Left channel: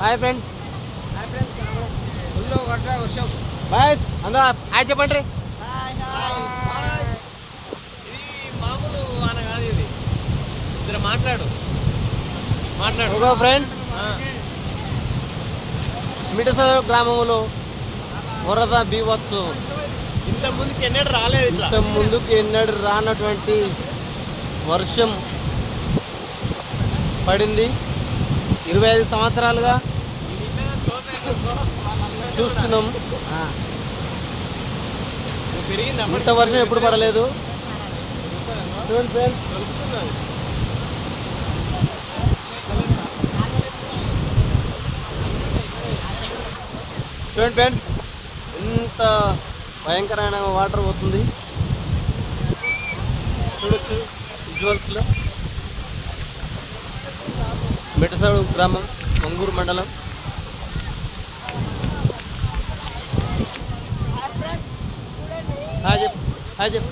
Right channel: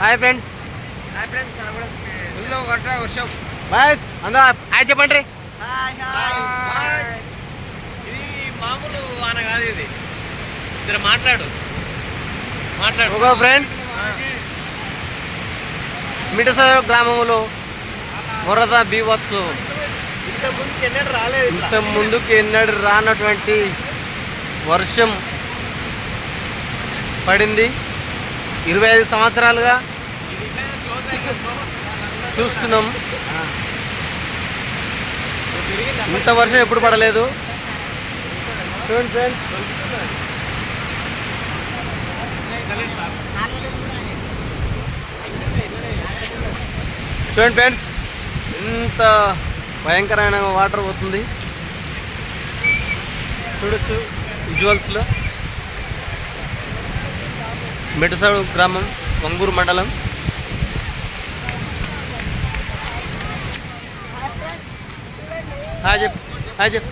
Hi friends hi friends full వర్ష వర్షం. Bye అందరూ hi. చెప్పండి. హాయ్ హాయ్ ఇది మామూలు వాన కాదు ఇది. ఇద్దరు మాట్లాడు. మాట్లాడు. ఒక ఫ్రెండ్స్ మిటసర గ్రామంలో వరద బీవత్సు ఇంత ముందుకి ఎన్నడూ రాలేదు ఇంత ముందుకు ఎన్నడు రానటువంటి వర్షం పడింది. ఇరవై ఐదు సంవత్సరాలుగా చూస్తున్నాం. ఇంత వర్షం ఎప్పుడు పడలేదు. చూడండి ఫ్రెండ్స్ చూడండి ఫ్రెండ్స్ ఇంత భయంకరమైన వాటర్ పోతుంది. చూడొచ్చు విజువల్స్లో మిటసడు గ్రామం వంగూరు మండలం. హాయ్ చెప్పు హాయ్ చెప్పు.